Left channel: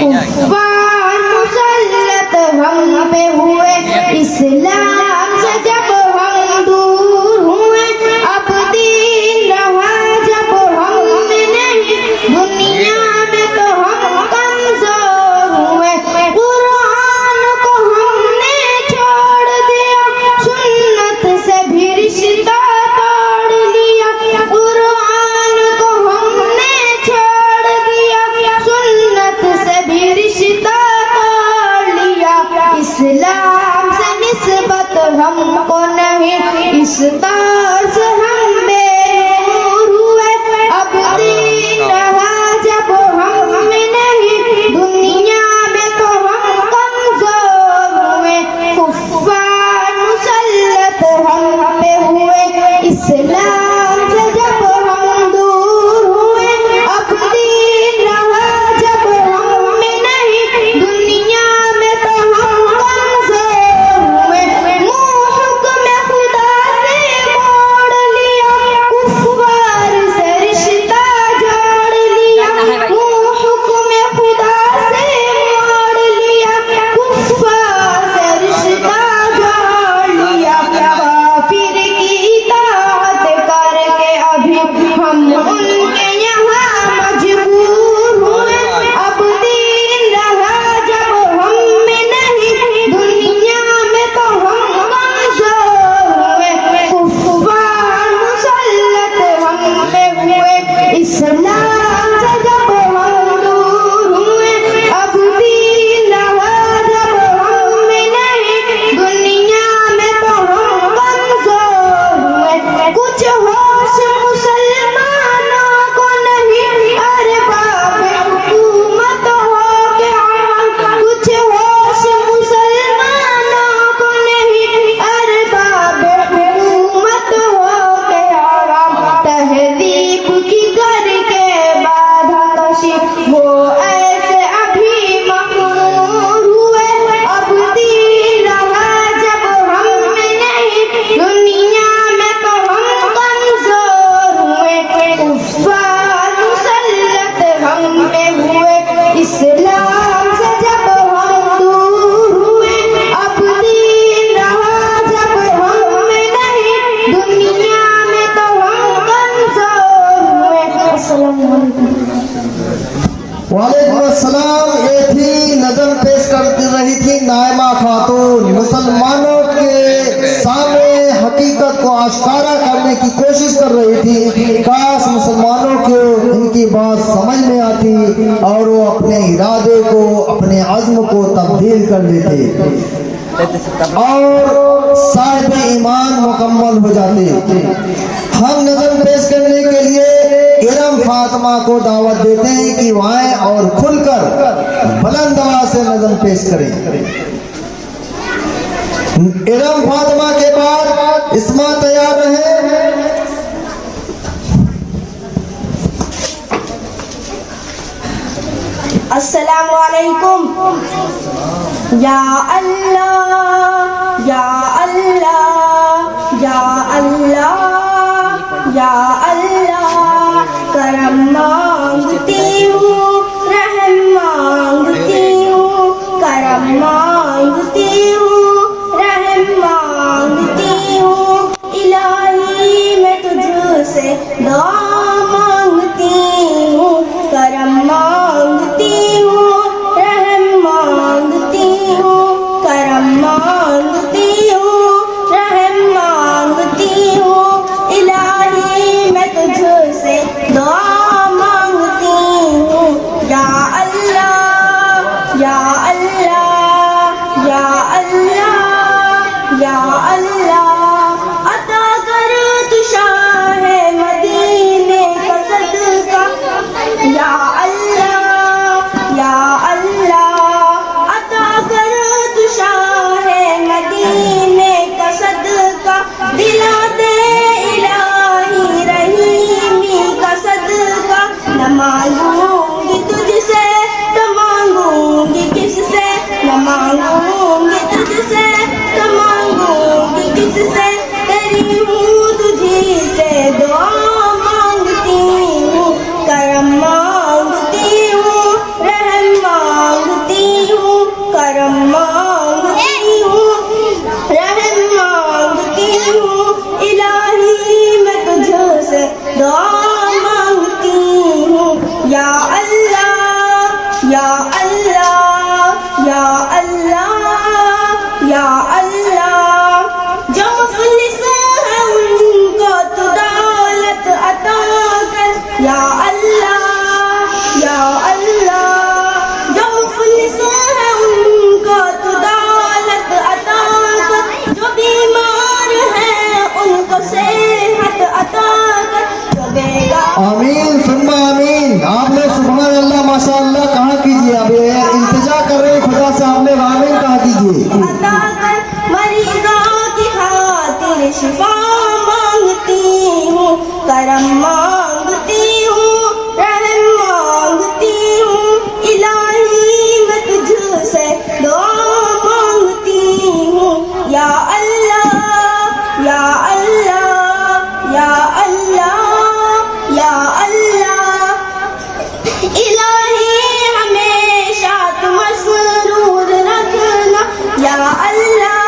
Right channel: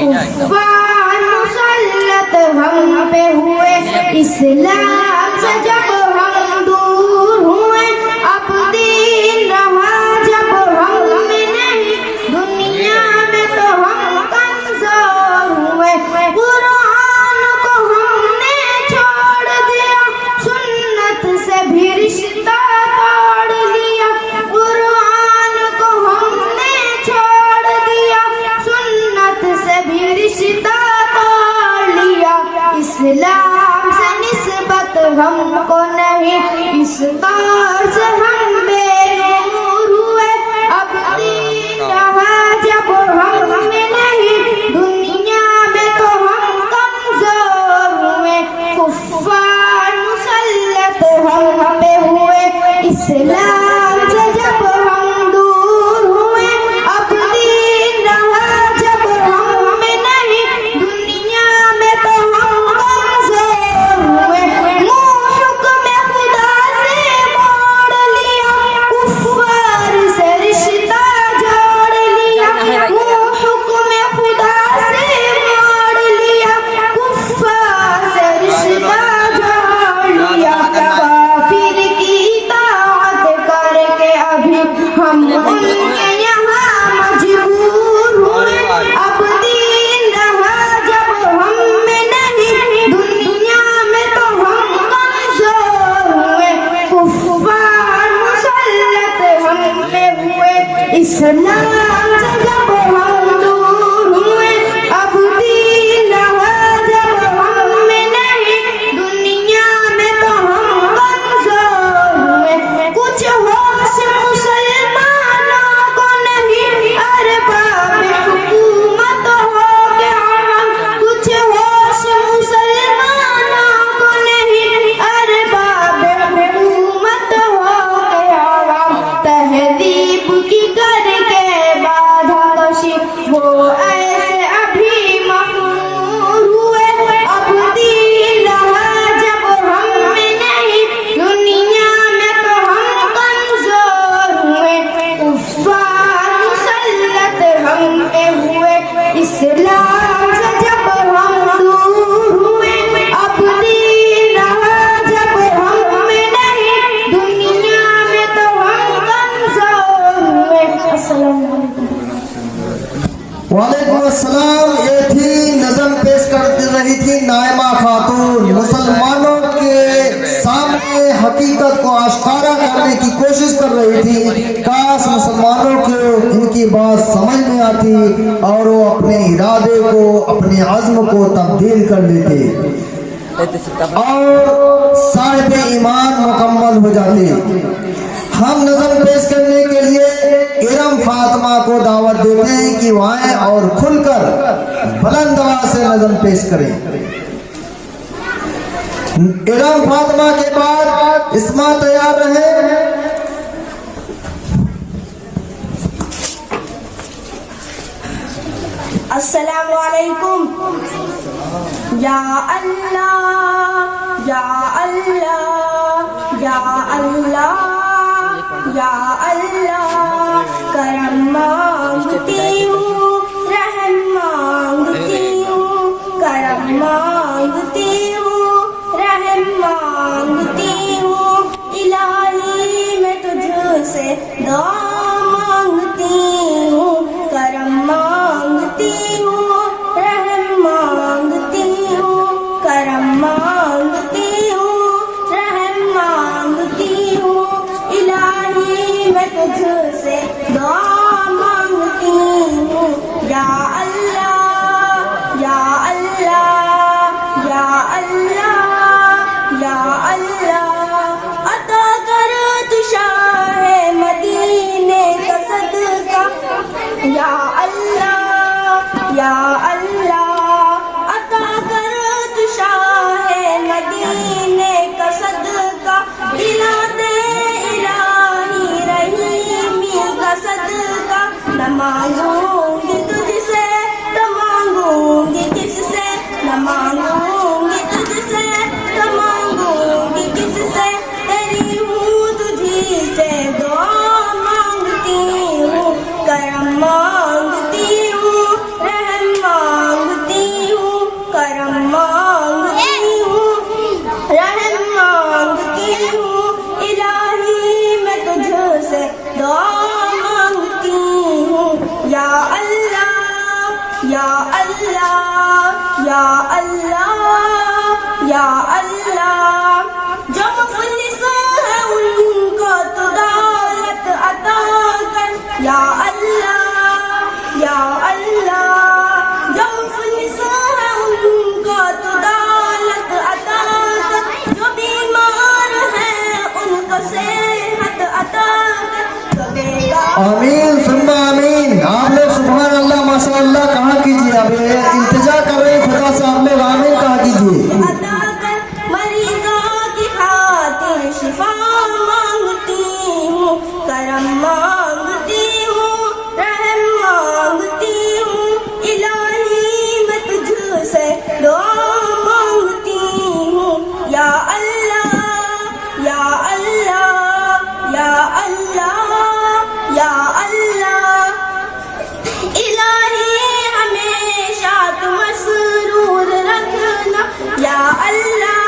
कुफ्फार मुसल्लत हम पे हुए, इस्लाम से जब हम दूर हुए, अब दीन रहा जब हम नहीं, दुनिया में तो हम कमजोर हुए। कुरान को हमने छोड़ दिया, सुन्नत से भी रिश्ता तोड़ लिया। कुरान को हमने छोड़ दिया, सुन्नत से भी रिश्ता तोड़ लिया। इस्लाम से निस्बत हमको नहीं, इस दौर से हम बेनूर हुए। अब दीन रहा जब हम नहीं, दुनिया में तो हम कमजोर हुए। कुफ्फार मुसल्लत हम पे हुए, इस्लाम से जब हम दूर हुए। अब दीन रहा जब हम नहीं, दुनिया में तो हम कमजोर हुए। मुँह हुक्म खुदा से मोड़ लिया, कुफ्फार से रिश्ता जोड़ लिया। मुँह हुक्म खुदा से मोड़ लिया, कुफ्फार से रिश्ता जोड़ लिया। काफिर की इताअत करके अभी हम उनके यहाँ मजबूर हुए। अब दीन रहा जब हम नहीं, दुनिया में तो हम कमजोर हुए। कुफ्फार मुसल्लत हम पे हुए, इस्लाम से जब हम दूर हुए। अब दीन रहा जब हम नहीं, दुनिया में तो हम कमजोर हुए। कुछ होश मुसलमानों को नहीं, अरे बाप हुकूमत हो गया हम। कुछ होश मुसलमानों को नहीं, अरे बाप हुकूमत हो गया हम। तहदीब की करके बाधा कशी, वो ऐसे अभी मखमूर हुए। अब दीन रहा जब हम नहीं, दुनिया में तो हम कमजोर हुए। कुफ्फार मुसल्लत हम पे हुए, इस्लाम से जब हम दूर हुए। अब दीन रहा जब हम नहीं, दुनिया में तो हम कमजोर हुए। अस्सलाम वालेकुम। वालेकुम अस्सलाम। ये थी नज़म पेश कर रही थी नाइमा खातून। मुसलमानों के सामने हकीकत को आश्कारा करने की कोशिश कर रही थी। काश मुसलमानों को इनकी बात समझ में आती और वो अपने इरादे को, अपने अज़्म को तब्दील कर लेते और साहिब ईमान मुकम्मल हो जाते। हम नज़म पेश करने के लिए इरम फातिमा को दावत देते हैं कि वो आए और खुलकर बुलंद आवाज से नज़म पेश करें। इरम फातिमा के बाद इस्मा तैयार रहे। अस्सलामु अलैकुम। या अल्लाह या अल्लाह या अल्लाह या अल्लाह, करम मांगती हूँ, रहम मांगती हूँ, करम मांगती हूँ, रहम मांगती हूँ। इलाही मैं तुझसे दुआ मांगती हूँ, करम मांगती हूँ, रहम मांगती हूँ, करम मांगती हूँ, रहम या अल्लाह या अल्लाह या अल्लाह। जो मुफलिस है उनको तो दौलत अता कर या अल्लाह या अल्लाह। जो मुफलिस है उनको तो दौलत अता कर। जो बीमार है उनको सेहत अता कर। जो देगा आमीन सुम्मा आमीन। आप लोग सुभान अल्लाह माशाअल्लाह कहा कीजिए। अब इंतजार कर रहे हैं खुदा से, आप लोग आमीन कहा कीजिए। अता कर मरीजों की खातिर शिफा मांगती हूँ, करम मांगती हूँ, रहम मांगती हूँ। इलाही मैं तुझसे दुआ मांगती हूँ या अल्लाह या अल्लाह या अल्लाह या अल्लाह। इलाही हमेशा तुम मसरूर रखना या अल्लाह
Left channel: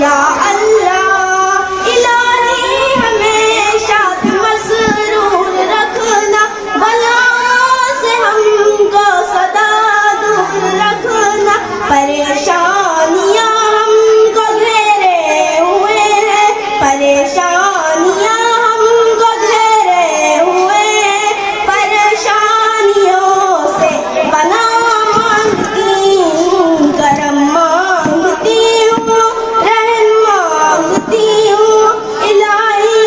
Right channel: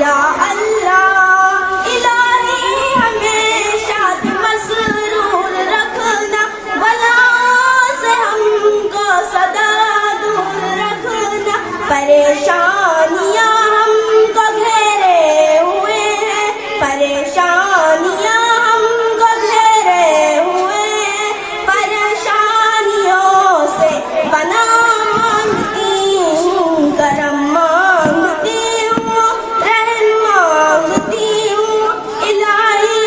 या अल्लाह। इलाही हमेशा तुम मसरूर रखना। बला से हमको सदा दूर रखना। परेशानियाँ हमको घेरे हुए हैं, परेशानियाँ हमको घेरे हुए हैं। परेशानियों से बना मांगती हूँ, करम मांगती हूँ, रहम मांगती हूँ। इलाही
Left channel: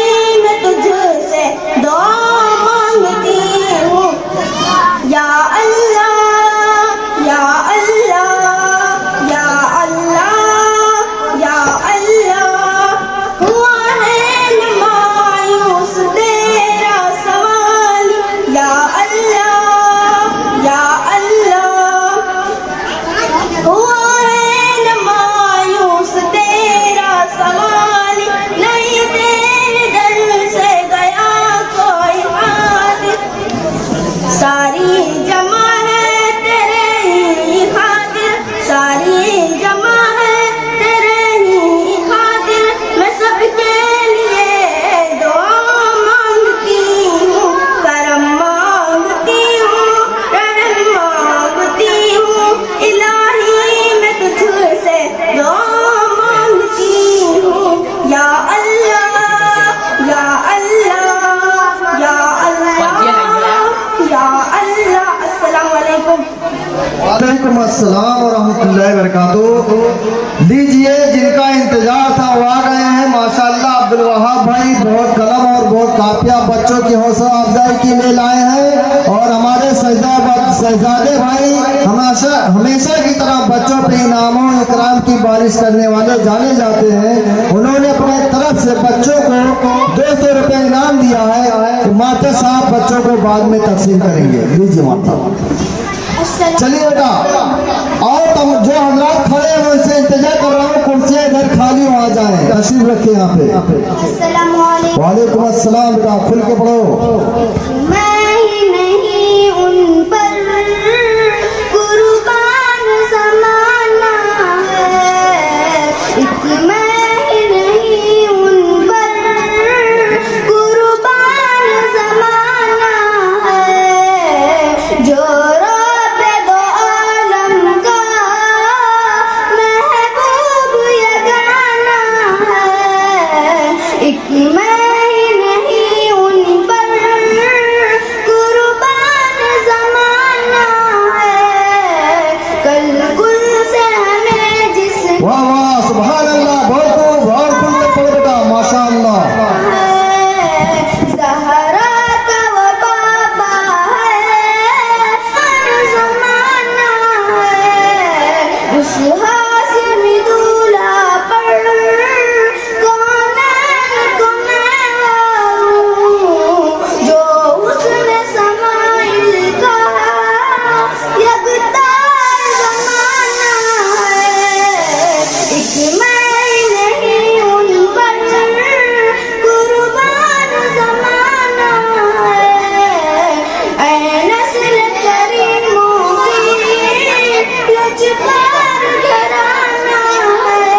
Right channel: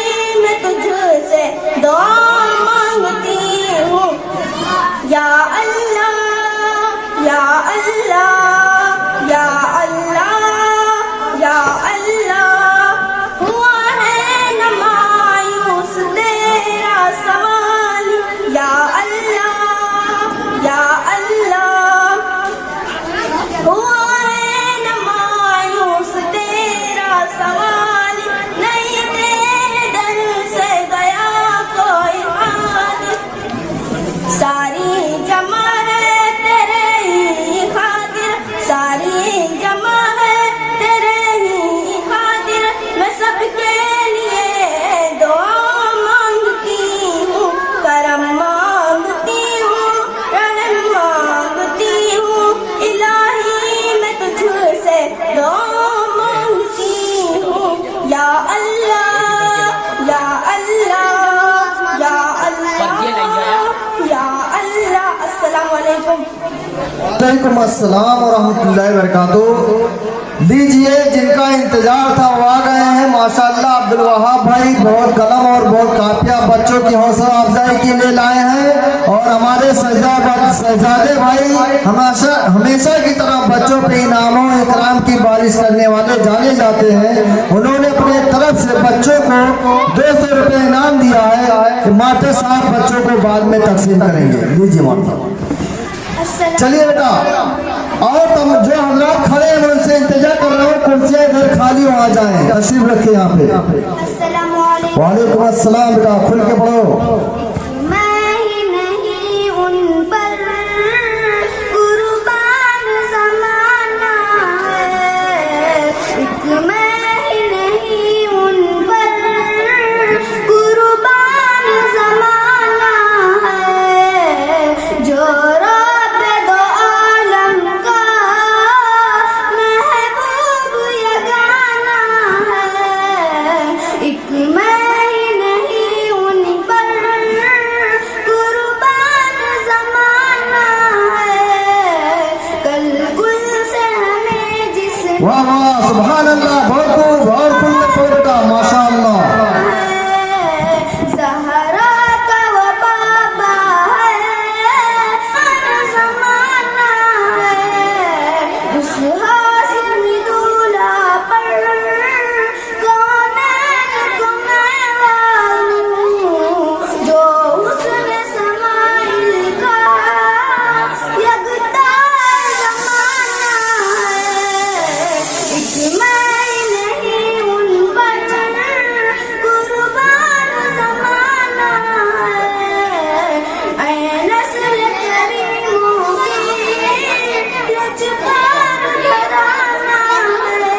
मैं तुझसे दुआ मांगती हूँ या अल्लाह या अल्लाह या अल्लाह या अल्लाह। हुआ है न मायूस तेरा सवाल या अल्लाह या अल्लाह। हुआ है न मायूस तेरा सवाल। नहीं तेरे दर से गया कोई हादिर। सारी जमा है तेरे ही खातिर, सारी जमा है तेरे ही खातिर। मैं सबके लिए दुआ मांगती हूँ, करम मांगती हूँ, रहम मांगती हूँ। इलाही मैं तुझसे दुआ मांगती हूँ या अल्लाह या अल्लाह या अल्लाह या अल्लाह। अस्सलाम वालेकुम। वालेकुम अस्सलाम व रहमतुल्लाहि व बरकातुहू। लीजिए जिनका इंतजार था वो आ गए हैं माशाअल्लाह। अब्दुल वहाब भाई बहुत कलम और बहुत काफिया बच्चों की हौसला अफजाई के लिए लाए हैं। और हमारे शहजादे भाई हमेशा की तरह बच्चों पे इनामों इकराम की बारिश करने वाले जाने जाते हैं। उन्होंने अपने तरफ से बच्चों को 200 रुपये इनाम दिया है। माता साहब बच्चों को बाद में तकसीम करेंगे। लीजिए माता। चलिए बेटा और तुम जो हजरात खड़े हैं उनसे इंतजार कर रहा हूँ, कुर्सियाँ इधर खाली हो आ जाए। तशरीफ रखे यहाँ पे। अस्सलामु अलैकुम। वालेकुम अस्सलाम। बेटा खुल के पढ़ो। मैं ही नहीं उन पर कुर्बान ज़माना है। एक मैं ही नहीं उन पर कुर्बान ज़माना है। जो रब दो आलम का महबूब ये गाना है। एक मैं ही नहीं उन पर कुर्बान ज़माना है। कल गुल से हमें जिस वाह वाह सुभान अल्लाह। बहुत खूब और खुल के पढ़ो बेटा माशाअल्लाह। ज़हरा का वो बाबा है, हर ज़माना है। उस हाशिमी दूल्हा पर कौनैन को मैं वारूं। जो हुस्न समाइल का यकतार ज़माना है। एक मैं नहीं उन पर कुर्बान ज़माना है। ऐ नस्ल करीमों की लजपार घराना है।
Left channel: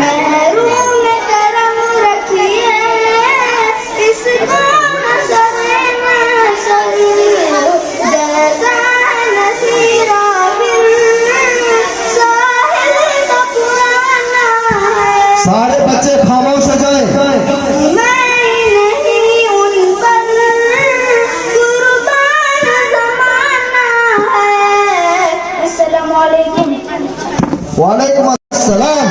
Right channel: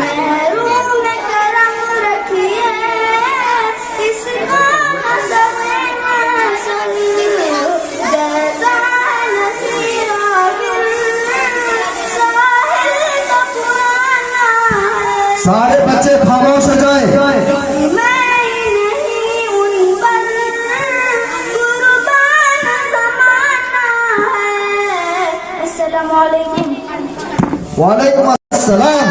महरूम करम रखिए इसका न सगे न सही। जैसा न वालेकुम अस्सलाम।